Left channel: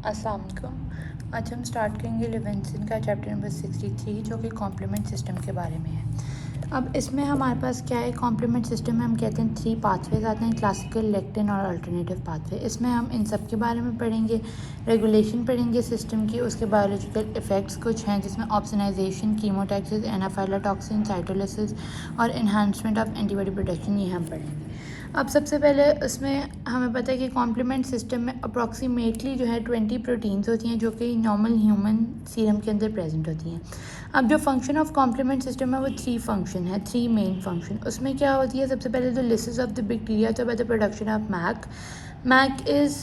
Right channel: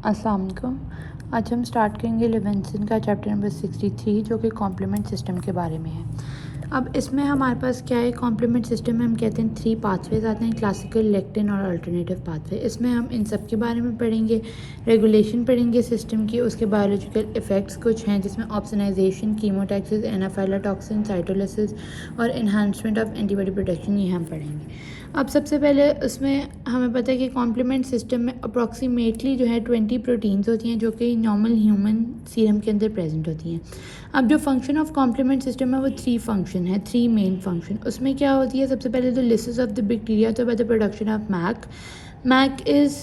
अस्सलाम वालेकुम। आज हम स्टार्ट करेंगे लिविंगस्टन का चैप्टर नंबर 63 जो कि कॉम्प्लीमेंट सिस्टम के बारे में है। अब इसमें हमारे पास क्या है, कॉम्प्लीमेंट सिस्टम में हम कहते हैं 3 पाथवेज आते हैं, क्लासिकल, लेक्टिन और अल्टरनेटिव पाथवे। इसमें हम इन सब के बारे में पढ़ेंगे, रेगुलेशन पढ़ेंगे सिस्टम की, उसके बायोलॉजिकल इफ़ेक्ट्स कुछ हैं जिसमें ऑप्सनाइजेशन, कीमोटैक्सिस, एनाफाइलोटॉक्सिन, साइटोलिसिस और इन्हांसमेंट ऑफ एंटीबॉडी प्रोटेक्शन, ये हम पढ़ेंगे। अब सबसे पहले इसमें हमें पता है कि कॉम्प्लीमेंट सिस्टम में अप्रॉक्सीमेटली जो है 20 प्रोटीन्स होती हैं जो कि नॉर्मल ह्यूमन सीरम के अंदर प्रेजेंट होती हैं। अब जो फंक्शन ऑफ कॉम्प्लीमेंट सिस्टम है वो 3 फंक्शन है, 3 मेन फंक्शन। उसमें क्या होती है, सबसे पहले the lysis of the bacteria तो by the production of MAC is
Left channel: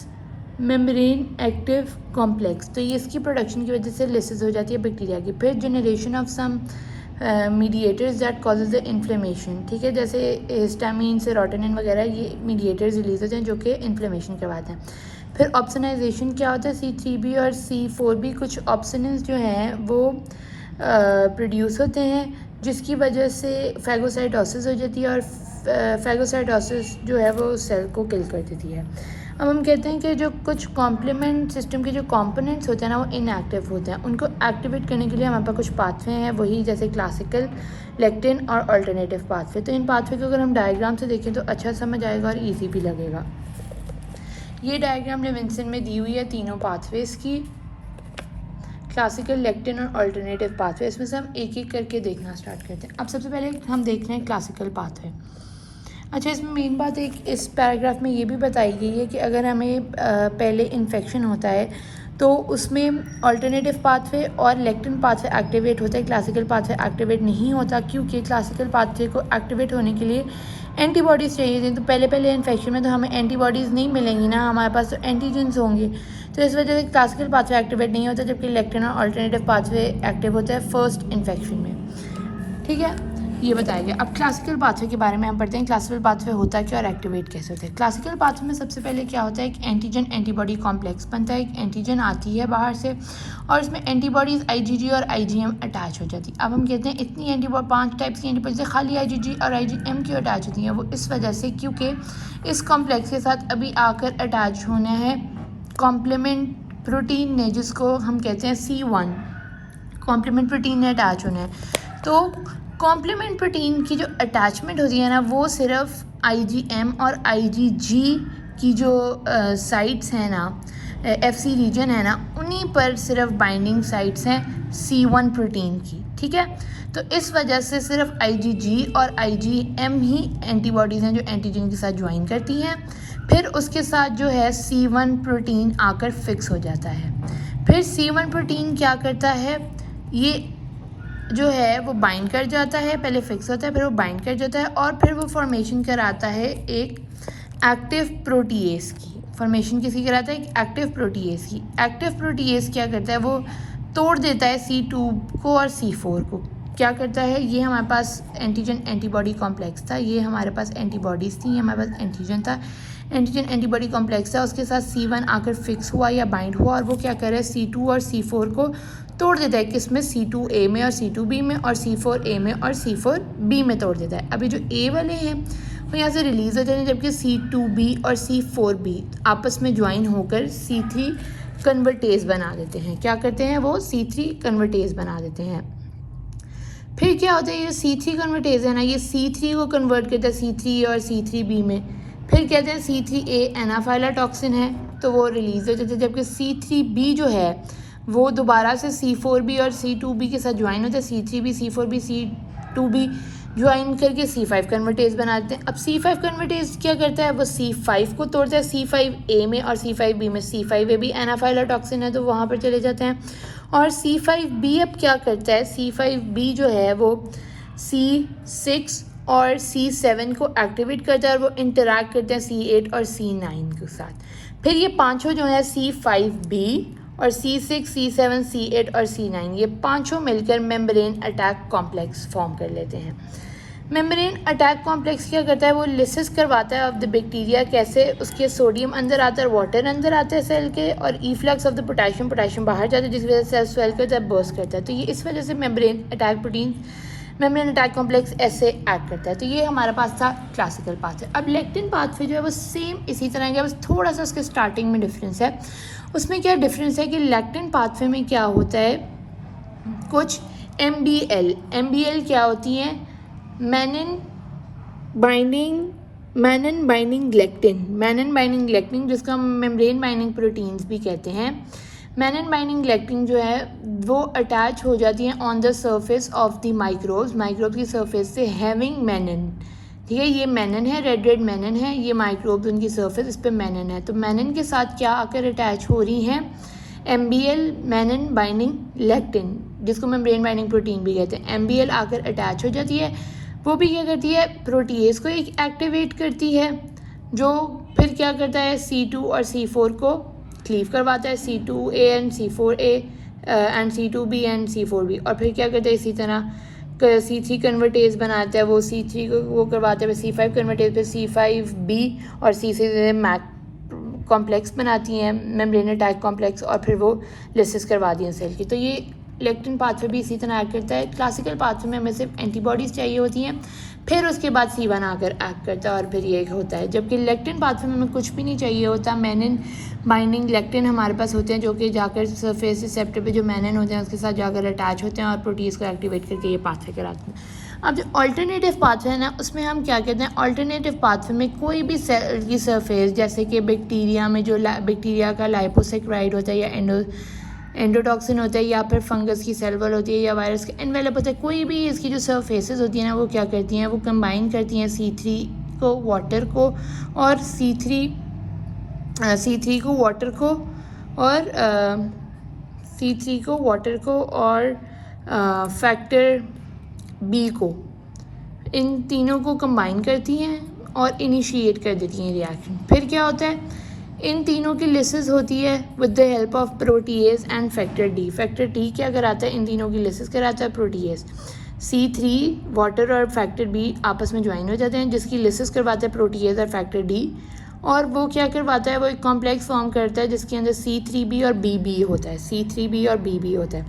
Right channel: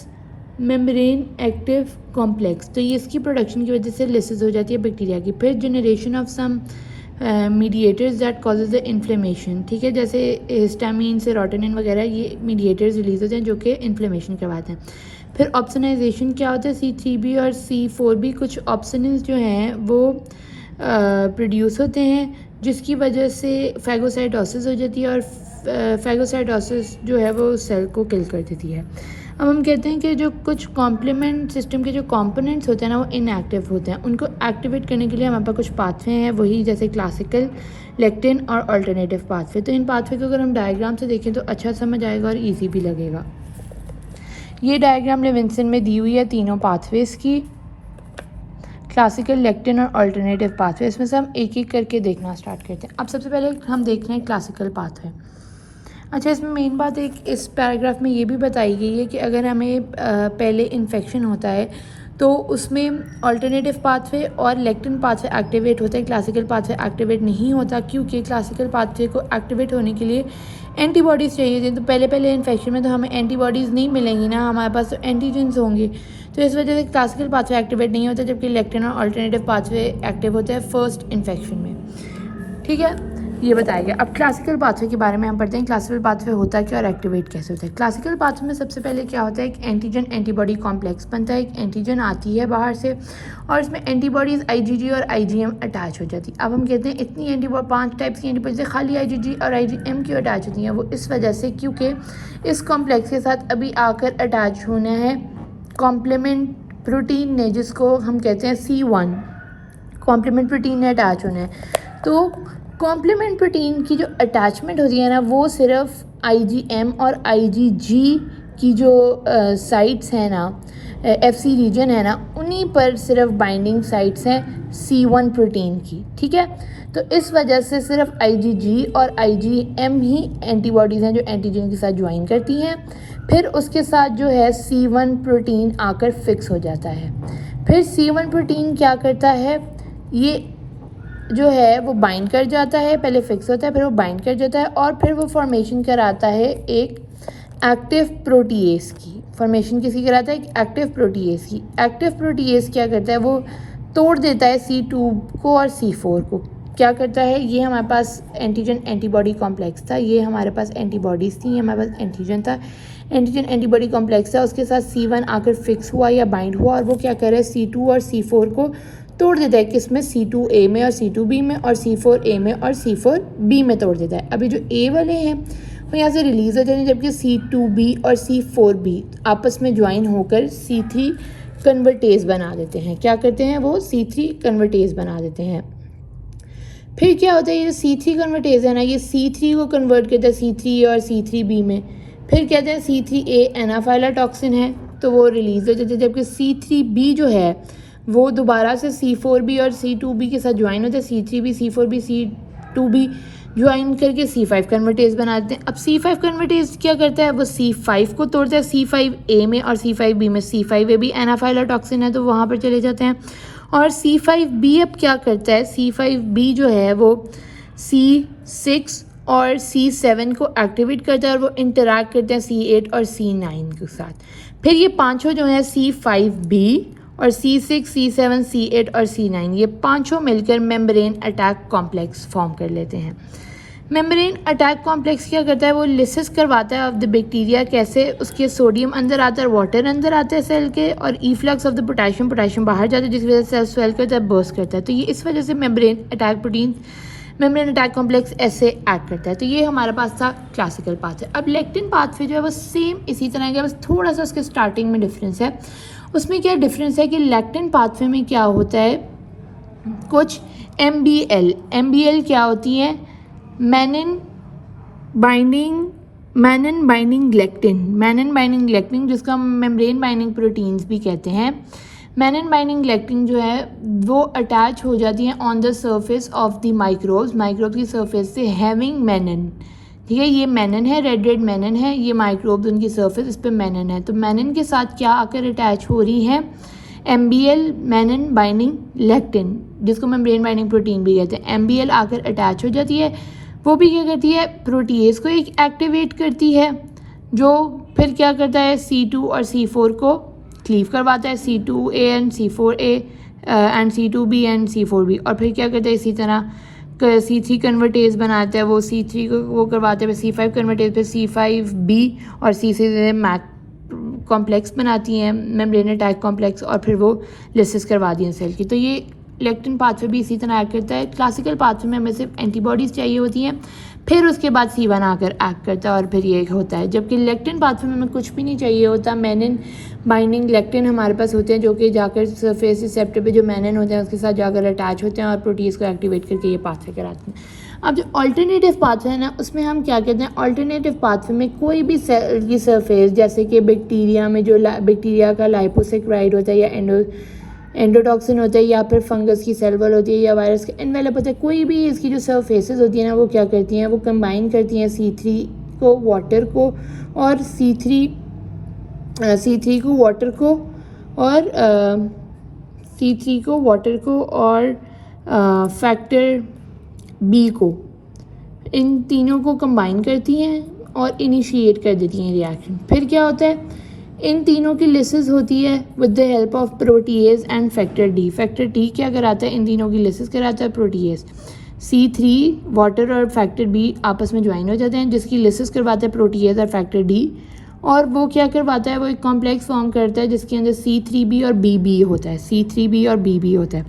membrane active complex, तो ये इसकी प्रोडक्शन की वजह से लिसिस हो जाती है बैक्टीरिया की। फिर generation of some mediators that causes the inflammation, ठीक है, जैसे हिस्टामिन, सेरोटोनिन वगैरह, ये मीडिएटर्स रिलीज होते हैं जो कि इन्फ्लेमेशन करवाते हैं। फिर ऑप्सनाइजेशन क्या होता है, C3b और C4b कुछ ऑप्सनिन्स जो हैं वो प्रोड्यूस होते हैं जिसकी वजह से फैगोसाइटोसिस हो जाती है और फैगोसाइटोसिस जो है वो सेल को किल कर देती है। अब हम कहते हैं कि जो कुछ कॉम्प्लीमेंट सिस्टम के जो कंपोनेंट्स होते हैं ना वो इनएक्टिव होते हैं, उनको एक्टिवेट करने के लिए हमारे पास कुछ पाथवे हैं, वही जैसे क्लासिकल, लेक्टिन और अल्टरनेटिव पाथवे। तो इन पाथवे को अगर हम डायग्राम से देखें तो अच्छा समझ आएगा और ईजी भी लगेगा। ये डायग्राम लिविंगस्टन में दी हुई है तीनों पाथवेज की, क्लासिकल, लेक्टिन और अल्टरनेटिव पाथवे। इसमें से हम एक एक करके देखना स्टार्ट करते हैं। अब सबसे पहले हम देख रहे हैं क्लासिकल पाथवे। अच्छा, इसमें मेन बात एक इस पैराग्राफ में ये भी बताई गई है कि अगर हमें पहले इन्फेक्शन होता है तो उसमें अल्टरनेटिव पाथवे और लेक्टिन पाथवे एक्टिवेट होते हैं, क्लासिकल पाथवे एक्टिवेट नहीं होता, क्योंकि क्लासिकल पाथवे को एक्टिवेट होने के लिए एंटीबॉडीज़ चाहिए थी। तो पहले इन्फेक्शन में तो हमें एंटीबॉडीज़ नहीं मिलेंगी ना, हमारे पास तो एंटीजेंस होंगे, तो इस वजह से क्लासिकल पाथवे एक्टिवेट नहीं होता, जबकि लेक्टिन और अल्टरनेटिव पाथवे एक्टिव होता है फर्स्ट इन्फेक्शन में। ठीक है, ये बताया गया। अब क्लासिकल पाथवे के बारे में हम पढ़ते हैं, क्लासिकल पाथवे होता है क्या और एक्टिवेट कैसे होता है। क्लासिकल पाथवे में सबसे पहले क्या होता है, एक एंटीजन एंटीबॉडी कॉम्प्लेक्स बनता है, एक एंटीजन आती है बाहर से और इसमें एंटीबॉडीज IgG और IgM अटैच हो जाती है। अब हम कहते हैं इतनी एंटीबॉडी, 5 टाइप्स की एंटीबॉडी खाली IgG और IgM क्यों अटैच होती हैं, वो इस वजह से क्योंकि इस कॉम्प्लेक्स के साथ अभी आकर अटैच होना है कॉम्प्लीमेंट प्रोटीन ने, जिसको हम कहते हैं C1, कॉम्प्लीमेंट प्रोटीन ने अटैच होना है। तो कॉम्प्लीमेंट प्रोटीन की जो अटैचमेंट होती है ना वो सिर्फ IgM और IgG की जो साइट्स हैं ना, FC रीजन है ना, उन्हीं पर सिर्फ बाइंडिंग साइट्स हैं C1 प्रोटीन की। ठीक है, तो इस वजह से सिर्फ IgG और IgM ही एंटीबॉडीज़ हैं जो एंटीजन के साथ ज्वाइन करती हैं, फिर उसके साथ जो है C1 प्रोटीन आकर फिक्स हो जाता है। फिर C1 प्रोटीन क्या करता है, ये जो है वो बाइंड कर जाता है, पहले फिक्स होता है फिर वो बाइंड कर जाता है और फिर वो फॉर्मेशन कराता है एक एक्टिव प्रोटीएस की। फॉर्मेशन किसकी कराता है, एक एक्टिव प्रोटीएस की। एक्टिव प्रोटीएस क्या करता है, वो तोड़ देता है C2 को और C4 को। क्या करता है, ये हमारे पास एंटीजन एंटीबॉडी कॉम्प्लेक्स था, ये हमारे पास एंटीबॉडीज़ थी, ये हमारे पास एंटीजन था, एंटीजन एंटीबॉडी कॉम्प्लेक्स था, उसके साथ C1 आकर फिक्स हुआ या बाइंड हुआ और वो क्या कर रहा है, C2 और C4 को तोड़ देता है, किसमें, C2A में और C2B में और C4A में और C4B में तोड़ देता है। अभी जो A वाले हैं वो यहाँ से रिलीज़ हो जाते हैं, जबकि C2B और C4B आपस में ज्वाइन होकर C3 कन्वर्टेज बना देते हैं। क्या करते हैं, वो C3 कन्वर्टेज बना देते हैं। फिर क्या होता है, ये C3 कन्वर्टेज है ना, ये C3 को कन्वर्ट करता है C3 और C3B में। फिर कहते हैं C3A एनाफाइलोटॉक्सिन है तो वो रिलीज़ हो जाता है, जबकि C3B जो है वो दोबारा से C4B और C2B के साथ ज्वाइन होते हैं, C3B, C4B, C2B ज्वाइन करके C5 कन्वर्टेज बनाते हैं। अब C5 कन्वर्टेज क्या करता है, वो C5 को तोड़ता है C5A में और C5B में। C5A भी एनाफाइलोटॉक्सिन है तो वहाँ पर चले जाते हैं और C5B अब क्या करता है, C5B जो है वो C6 और C7 को एक्टिवेट करता है और वो इंटरैक्ट करते हैं C8 और C9 के साथ। फिर ये पांचों जो हैं C5B और C6, C7, C8 और C9, ये पांचों मिलकर मेम्ब्रेन अटैक कॉम्प्लेक्स फॉर्म कर लेते हैं। मेम्ब्रेन अटैक कॉम्प्लेक्स क्या करता है, वो लिसिस करवाता है ऑफ द बैक्टीरिया, कैसे, उसके सोडियम अंदर आता है, वाटर अंदर आते हैं सेल के और इफ्लक्स ऑफ द पोटेशियम बाहर जाता है, जिसकी वजह से सेल स्वेल करता है, बर्स्ट करता है। तो ये इस वजह से membrane attack protein membrane attack complex ऐसे एक्ट करता है। तो ये हमारे पास था क्लासिकल पाथवे। अब लेक्टिन पाथवे जो है वो सेम इसी तरह का, बस थोड़ा सा उसके स्टार्टिंग में डिफरेंस है। उसमें क्या डिफरेंस है कि लेक्टिन पाथवे में क्या होता है, कुछ MBL क्या होती है, मैनिन बाइंडिंग लेक्टिन जिसका हम मेम्ब्रेन बाइंडिंग प्रोटीन्स भी कहते हैं। मैनिन बाइंडिंग लेक्टिन जो है वो अटैच हो जाती है on the surface of the microbes की सरफेस से, हैविंग मैनिन। ठीक है, ये मैनिन है, रेड मैनिन है, ये माइक्रोब्स उनकी सरफेस, इस पर मैनिन है। तो मैनिन के साथ क्या आकर अटैच हो रही है, MBL मैनिन बाइंडिंग लेक्टिन, जिसको मेम्ब्रेन बाइंडिंग प्रोटीन भी कहते हैं। MBL आकर अटैच हो जाती है, वो भी क्या करती है, प्रोटीएज को एक एक्टिवेट करती है, जो फिर क्या करता है, C2 और C4 को क्लीव करवाता है, C2A and C4A and C2B and C4B, और फिर क्या करता है, इसी तरह C3 कन्वर्टेज बनाता है, वो C3 को वो करवाता है, C5 कन्वर्टेज पे C5B और C6 मैक कॉम्प्लेक्स बनाती हैं, मेम्ब्रेन अटैक कॉम्प्लेक्स, और फिर वो लिसिस करवा दी है सेल की। तो ये लेक्टिन पाथवे भी इसी तरह एक्ट करता है। क्लासिकल पाथवे में हमें सिर्फ एंटीबॉडीज़ चाहिए होती हैं, फिर उसके बाद C1 आकर एक्ट करता है और फिर ये होता है। जबकि लेक्टिन पाथवे में हमें कुछ भी नहीं चाहिए होता, मैनिन बाइंडिंग लेक्टिन हमारे पास होते हैं, जो कि जाकर सरफेस रिसेप्टर पे जो मैनिन होते हैं उसके साथ जाकर अटैच होते हैं और प्रोटीज को एक्टिवेट करके ये पाथवे कराते हैं। अब जो अल्टरनेटिव पाथवे है ना, उसमें हम क्या कहते हैं, अल्टरनेटिव पाथवे में कोई भी सेल की सरफेस, जैसे कि बैक्टीरिया में जो बैक्टीरिया का लाइपोसेक्राइड होता है, या एंडोटॉक्सिन होता है, या फिर फंगस की सेल वॉल होती है, या वायरस का एनवेलप होता है, कोई भी इसकी जो सरफेसेस होती है ना, वो क्या करती हैं, वो कंबाइन करती हैं C3 को वाटर को, और C3 को वाटर को, और C3 को वाटर को और फैक्टर B को, इन तीनों को कंबाइन करती हैं और इनिशिएट कर देती हैं रिएक्शन। फिर क्या होता है, इन तीनों की लिसिस होती है with the help of protease and factor D। Factor D क्या कराता है, इन तीनों की लिसिस कराता है प्रोटीएज। C3 वाटर और फैक्टर B आपस में ज्वाइन हो जाते हैं, जिसकी लिसिस करवाता है प्रोटीएज और फैक्टर D, और वो क्या करवाता है, वो एक कॉम्प्लेक्स फॉर्म करता है जिसके अंदर C3B और BB होता है, C3B और BB होता है।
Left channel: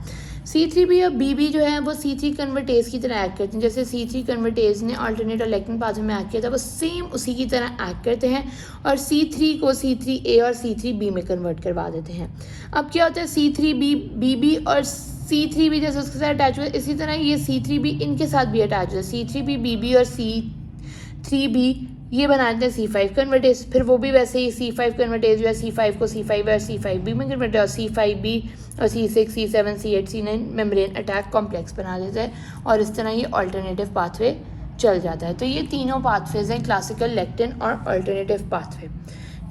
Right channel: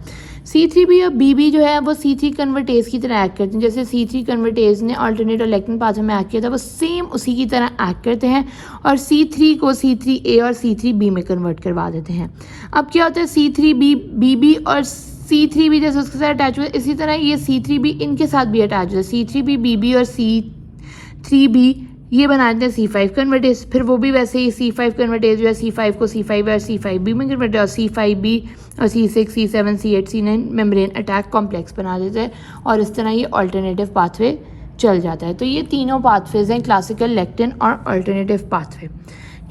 C3B और BB जो है वो C3 कन्वर्टेज की तरह एक्ट करते हैं। जैसे C3 कन्वर्टेज ने अल्टरनेट और लेक्टिन पाथवे में एक्ट किया था, वो सेम उसी की तरह एक्ट करते हैं और C3 को C3A और C3B में कन्वर्ट करवा देते हैं। अब क्या होता है, C3B BB और C3B जैसे उसके साथ अटैच हुआ है, इसी तरह ये C3B इनके साथ भी अटैच हुआ है। C3B BB और C3B ये बनाते हैं C5 कन्वर्टेज, फिर वो भी वैसे ही C5 कन्वर्टेज जो है C5 को C5 और C5B में कन्वर्ट है, और C5B और C6 C7 C8 C9 membrane attack complex बना देता है, और इस तरह ये अल्टरनेटिव पाथवे चल जाता है। तो ये तीनों पाथवेज हैं, क्लासिकल, लेक्टिन और अल्टरनेटिव पाथवे।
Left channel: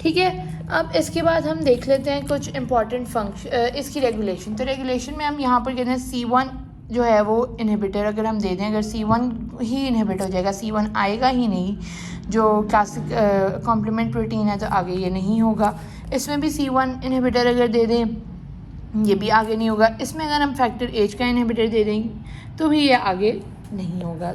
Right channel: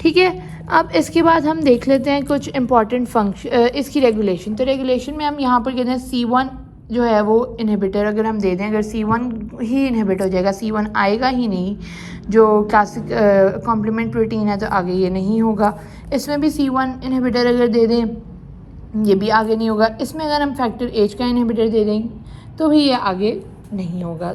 ठीक है, अब इसके बाद हम देख लेते हैं कुछ इंपॉर्टेंट फंक्शन, इसकी रेगुलेशन। तो रेगुलेशन में हम यहाँ पर कहते हैं C1 जो है वो इनहिबिटर अगर हम दे दें, अगर C1 ही इनहिबिट हो जाएगा, C1 आएगा ही नहीं, जो क्लासिक कॉम्प्लीमेंट प्रोटीन है, तो आगे ये नहीं होगा। इसमें भी C1 इनहिबिटर अगर दे दें, ये भी आगे नहीं होगा। इसमें अगर हम फैक्टर H का इनहिबिटर दे दें तो भी ये आगे नहीं होगा।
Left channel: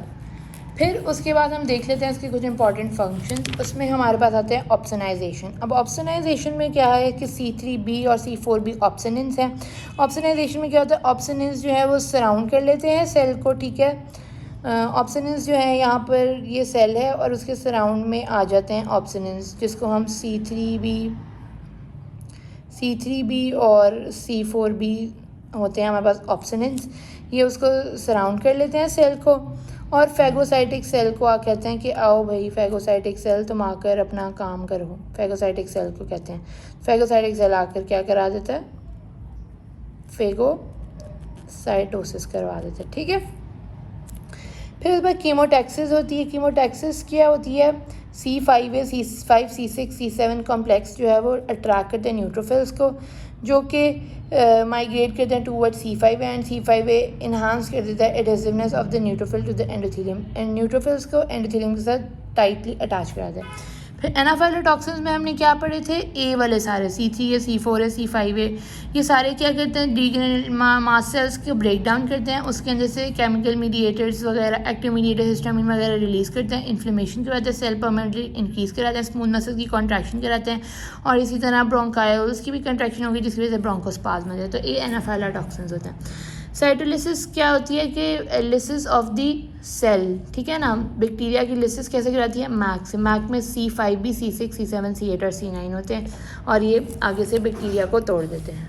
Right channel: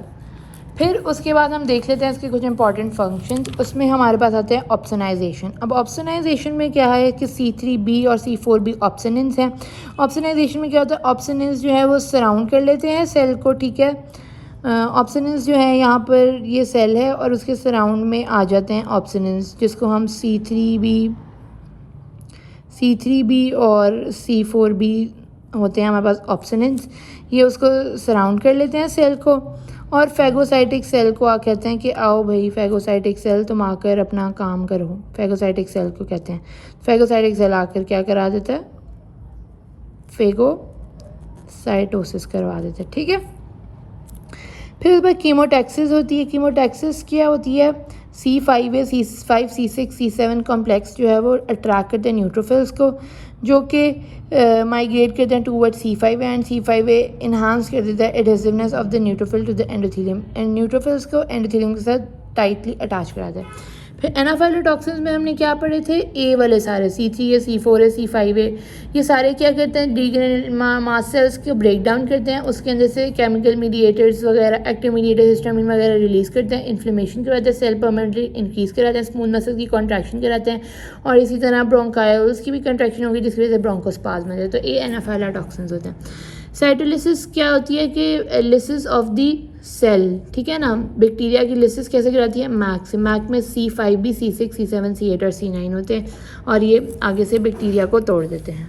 फिर उसके बाद हम देख लेते हैं इसके कुछ इंपॉर्टेंट फंक्शन। उसमें हमारे पास आते हैं ऑप्सनाइजेशन। अब ऑप्सनाइजेशन में क्या है कि C3B और C4B ऑप्सनिन्स हैं। ऑप्सनाइजेशन में क्या होता है, ऑप्सनिन्स जो है वो सराउंड कर लेते हैं सेल को। ठीक है, ऑप्सनिन्स जो है यहाँ पर ये सेल है और उसके सराउंड में आ जाते हैं ऑप्सनिन्स, जिसको हम C3B और C4B होते हैं हमारे पास ऑप्सनिन्स। ये उसको सराउंड कर लेते हैं सेल को, और फैगोसाइटिक सेल को कहते हैं कि आओ भाई फैगोसाइटिक सेल तुम आकर अपना काम करो, फैगोसाइटिक सेल को कहते हैं। फैगोसाइटिक सेल आकर क्या करा देता है, फेगोसाइटोसिस करवा देता है। ठीक है, फिर उसके बाद कीमोटैक्सिस होती है। कीमोटैक्सिस क्या होती है, C5A C5 C6 C7 complex जो है वो अट्रैक्ट करते हैं न्यूट्रोफिल्स को, जो कि माइग्रेट करते हैं toward C5A, and C5A enhance कर देता है adhesiveness of the neutrophil to the endothelium, and neutrophils को एंडोथेलियम के साथ टाइटली अटैच कराता है। फिर एनाफाइलोटॉक्सिन्स में हमने क्या पढ़े थे, ए वाले सारे C3A C4A C5A, ये सारे क्या करते हैं, मास सेल्स को ब्रेक डाउन करते हैं, उसके अंदर से केमिकल मीडिएटर्स वगैरह, एक्टिव मीडिएटर हिस्टामिन वगैरह रिलीज़ करते हैं, इन्फ्लेमेशन कराते हैं, सेल परमानेंटली इंक्रीज़ कराते हैं, स्मूथ मसल की कॉन्ट्रैक्शन कराते हैं, और इसी तरह ब्रोंकाइल्स की भी कंट्रैक्शन होगी जिसकी वजह से ब्रोंकोस्पाज्म हो जाए। तो ये एनाफाइलोटॉक्सिन्स होते हैं। साइटोलिसिस क्या होती है कि लिसिस ऑफ दी सेल, ठीक है ना। बैक्टीरिया की लिसिस कैसे कराती है, मैक से। मैक में C5B, C6, C7, C8 और C9 होते हैं और ये आगे से बैक्टीरिया को तोड़ देते हैं।